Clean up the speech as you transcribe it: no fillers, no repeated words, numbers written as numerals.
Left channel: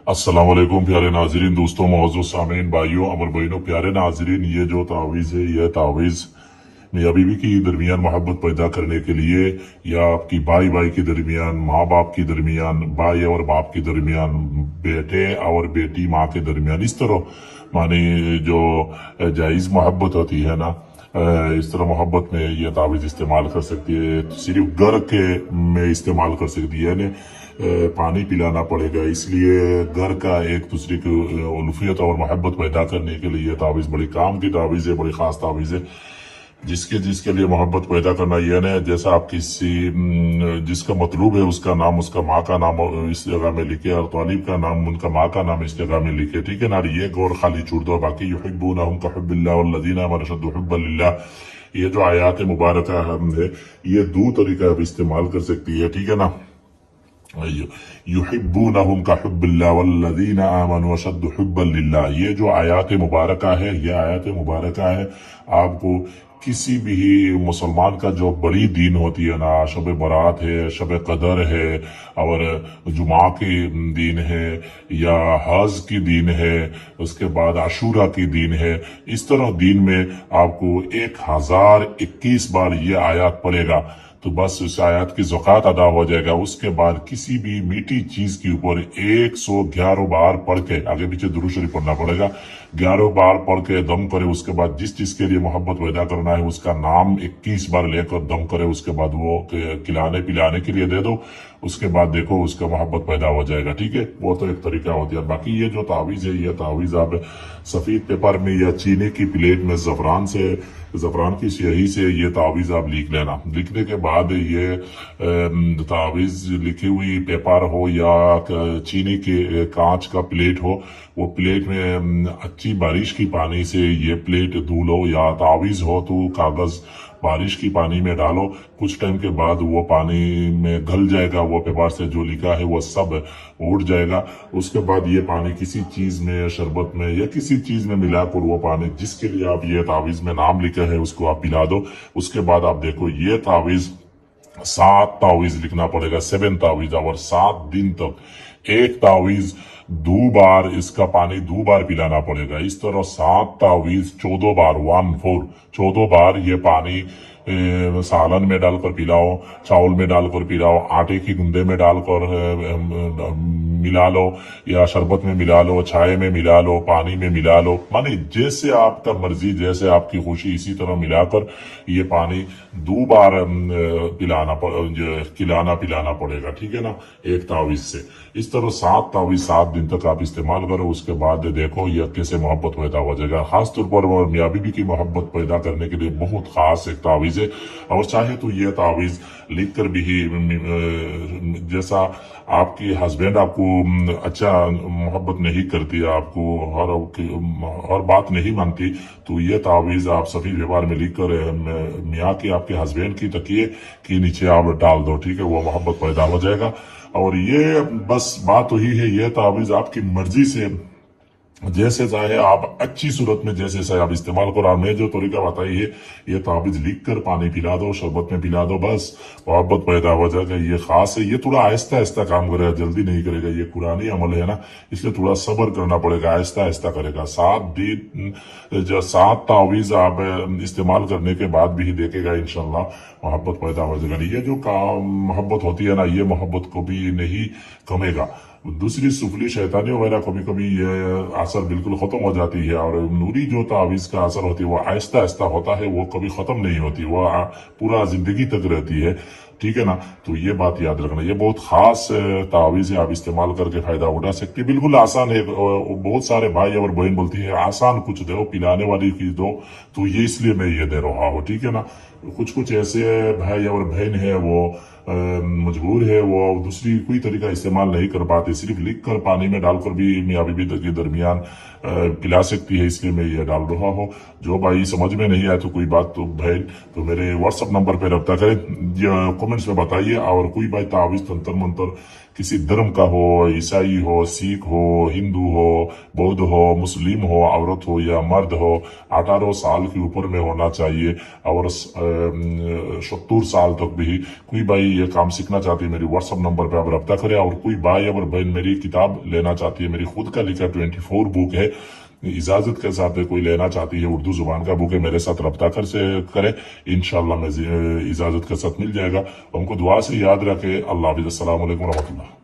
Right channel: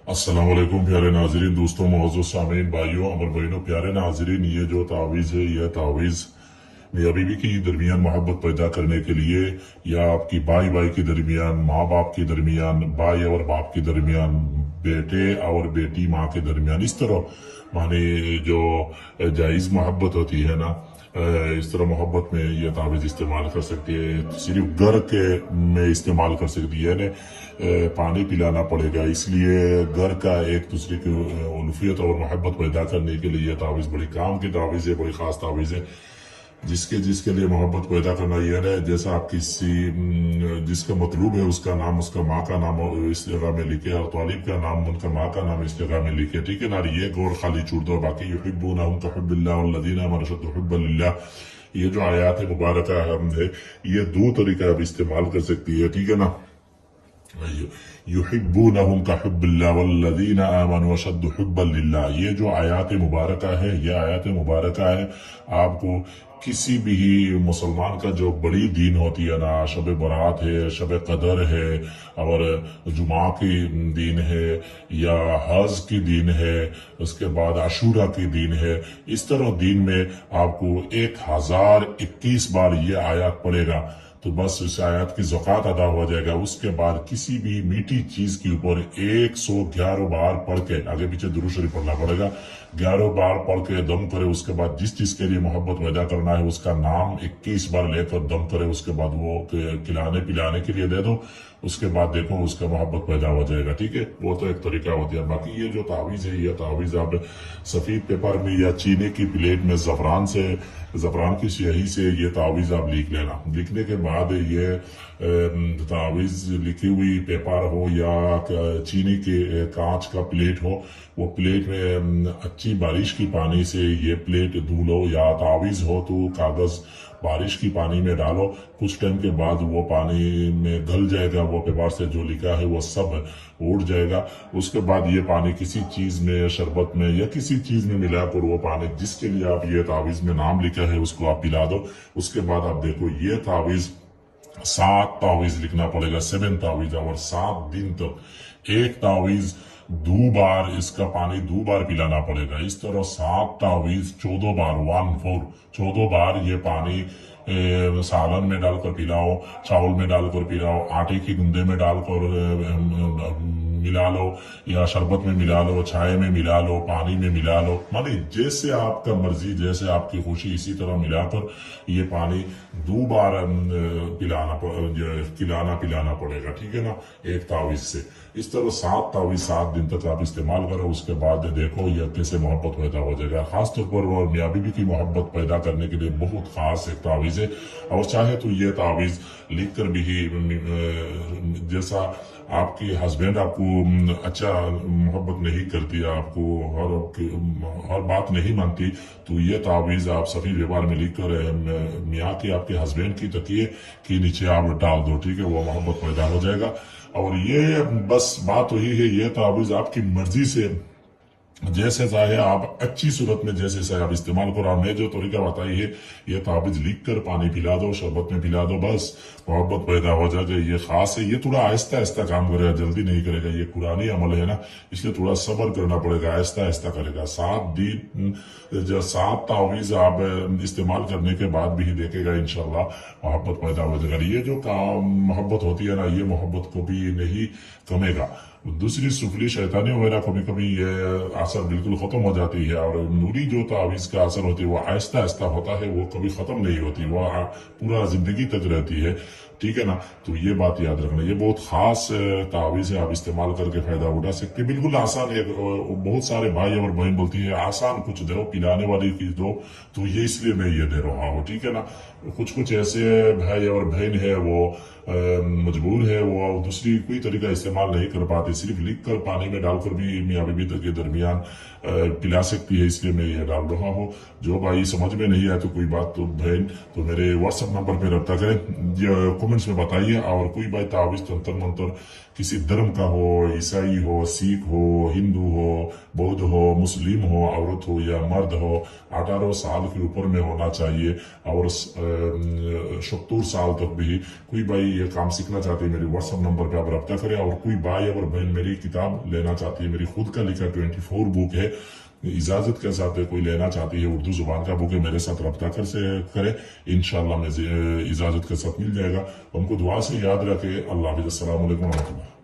अस्सलाम वालेकुम प्यारे नाजरीन, दोस्तों, मौजूद सामीन, भाइयों, अमर बहनों, प्यारे नाजरीन, ये जो तावीज़ है, यह तावीज़ मियाँ बीवी के दरमियान मोहब्बत पैदा करने के लिए, या आपकी भाई भाई के दरमियान, माँ बाप के दरमियान, भाई और बाप के दरमियान, बेटे और बेटी माँ के दरमियान, इस तरह माने जो जायज़ मोहब्बत होती है ना, इस तरह मोहब्बत में यह तावीज़ इस्तेमाल कर सकती है। तो सिर्फ घर के में इस्तेमाल कर सकती है, यानी पानी पिलाना पड़ेगा, इसलिए घर का एक दूसरे की उल्फियत और मोहब्बत पैदा करने के लिए यह तावीज़ बड़ी काम की तावीज़ है, बड़ी ख़ास तावीज़ है। जिसके जिसके लिए मोहब्बत पैदा करना, यह नहीं जैसा आप किसी जिसका मतलूब है उसका नाम, उसका माँ का नाम इस जगह में लिखे, और तालिब का नाम, उनका माँ का नाम इस जगह में लिखे, ठीक है ना। ये गौर खाली छोड़ दो, बाकी युहिब्बूनहुम कहुब्बिल्लाह वल्लज़ीना आमनू अशद्दु हुब्बन लिल्लाह, ये जो आयात मुबारक है, ये दो तरीका आप इस्तेमाल कर सकती है, ठीक है ना। युहिब्बूनहुम कहुब्बिल्लाह वल्लज़ीना आमनू अशद्दु हुब्बन लिल्लाह, ये जो आयात मुबारक है, ये आयात मुबारक है आपको किसी भी मुसलमान का जो बड़ी दीन होती है ना, शब बरात है, शब कदर है, और जुमा की दीन है, या हज की दीन है, उसके बाद आशूरा की दीन है, इस तरह दीन में आपको 1021 बार ये आयात पड़ेगा, तो बस उस आयत की ज़कात अदा हो जाएगा। उसके बाद किसी भी मीठी चीज के ऊपर 111 बार पढ़ के, आगे पीछे दुरूद शरीफ पढ़ना पड़ेगा, 11 बार पढ़ के दम करे, उसके बाद जिस चीज के लिए मोहब्बत पैदा करना है उसका नाम 21 बार लेकर दम करे, उसके बाद वो खिलाने पिलाने के लिए दे दो, उसके बाद देखो उसका मोहब्बत पैदा हो जाएगा, ठीक है। वो तो एक तरीका होती है। बाकी ये जो तावीज़ है, ये तावीज़ आप सफेद पेपर में या चीनी की प्लेट में जफरान की स्याही से ये तावीज़ आप लिख लेना। लिखने के बाद ये तावीज़ लिखी हुई पेपर हो या चीनी के कांच का प्लेट हो, वो प्लेट में अच्छी बारिश की पानी से ये प्लेट धो लो, या तावीज़ हो तो कागज बारिश की पानी में डालो, कुछ टाइम के बाद वो पानी में घल जाएगा, वो पेपर से जो लिखा है वो सब उड़ जाएगा। उसके बाद ये पानी किसी चीज में, शरबत में या किसी चीज में मिलाकर वो पानी जिसके लिए आप ये तावीज में नाम लिखा है उसको आप पिला दो। उसके बाद आप देखो ये तावीज 7 तावीज लिखना पड़ेगा, 7 तावीज, और 7 दिन तक एक तावीज 2 बार इसका पानी 2 बार पिलाना पड़ेगा। इस तरह 7 तावीज 14 बार, 14 बार ये पानी सालन में डालकर पिलाओ, चावल में डालकर पिलाओ, आटे की गुंदे में डालकर मिला लो, या शरबत में मिला लो, चाय में मिला लो, पानी में मिला लो, माने जैसे आपका मर्जी, जैसे आपकी खुशी, इसी तरह मिलाकर ये पानी 2 बार खिलाना पिलाना पड़ेगा, ठीक है ना, एक तावीज से। इस तरह 7 तावीज 7 दिन तक आप इस्तेमाल करो। उसके बाद देखो ये कैसे मोहब्बत पैदा हो जाएगा। खास तौर पर मियाँ बीवी की मोहब्बत पैदा करने के लिए बहुत खास एक तावीज है, और चाहे तो ये तावीज लिख कर भी, जैसा आपकी हस्बैंड आपको अच्छा मोहब्बत नहीं करती, आपको हर बात नहीं मानती, तो ये तावीज आप सफेद पेपर में लिख कर मियाँ की, आपके हस्बैंड की तकिए के नीचे आप डाल दो, ठीक है, वो मोहब्बत पैदा हो जाएगा। और ये बस बात वही है, ये तावीज आपकी मर्जी से जैसे चाहे आप अच्छी सूरत में जैसे चाहे आप इस्तेमाल करो। मैं जो तरीका बताई है, ये ताबीज लिख कर पानी पिला दो, शरबत में पिला दो, बस मोहब्बत पैदा हो जाएगा। ये खास है, ये थोड़ा आहिस्ता आहिस्ता काम करेगा, जल्दी नहीं करेगा, ये पुरानी अमल है ना, इसलिए थोड़ा सब्र करना पड़ेगा, आहिस्ता आहिस्ता करेगा। 7 दिन जो 7 तावीज आप इस्तेमाल करने के बाद भी देखेगा इंशाल्लाह मोहब्बत पैदा हो जाएगा। ये जो मोहब्बत होती है ना, ये मोहब्बत कभी नहीं कमेगा। दूसरी सुफली शैतानी वगैरह कभी कभी ये असर बिल्कुल खत्म हो जाती है, और नूरी जो तावीज का असर होती है वो आहिस्ता आहिस्ता होता है, वो कभी खत्म नहीं होती, वो पूरा जिंदगी तक रहती है, ठीक है ना। तो ये बात याद रखना, ये बहुत खास तावीज है, आप इस्तेमाल करके फायदा उठा सकते, बिल्कुल आसान है। बहुत सारे भाई और बहन बोलती है आसान कुछ दो, पिलाने वाली चीज दो, तो ये इसलिए मैं ये दे रहा हूँ, ठीक है ना। कुछ ऐसे भाई और बहन है वो मजबूर है, वो दूसरी कोई तरीका इस्तेमाल नहीं कर पाते, सिर्फ लिख कर पानी में डालकर भी मियाँ बीवी के दरमियान पिला सकती है, इसलिए मैं ये डाल रहा हूँ। जो भाई समझ में नहीं आया तो कोई बात, तो बहन तो मेरे व्हाट्सएप नंबर पे रब्ता करें, कमेंट्स में बताइए। और कोई भाई तावीज तंत्र मंत्र किसी धर्म का हो, ईसाई हो, सिख हो, हिंदू हो, बौद्ध हो, मुस्लिम हो, औरत हो या मर्द हो, 18 साल के ऊपर में होना चाहिए, और 70 साल तक भी कोई भाई ये काम सीखना चाहती है, मेरी व्हाट्सअप नंबर पे आप रब्ता करें। और कोई भाई और बहन मेरी किताब लेना चाहती है, मेरी खुद का लिखा 24 बुक है, इजाजत के साथ कोई लेना चाहती है, उर्दू जुबान का बुक है, मेरे साथ रब्ता करे। इंशाल्लाह मैं इजाजत के साथ मिल जाएगा। हमको दुआ से याद रखे। अल्लाह हाफिज़। अस्सलाम वालेकुम रहमतुल्लाह।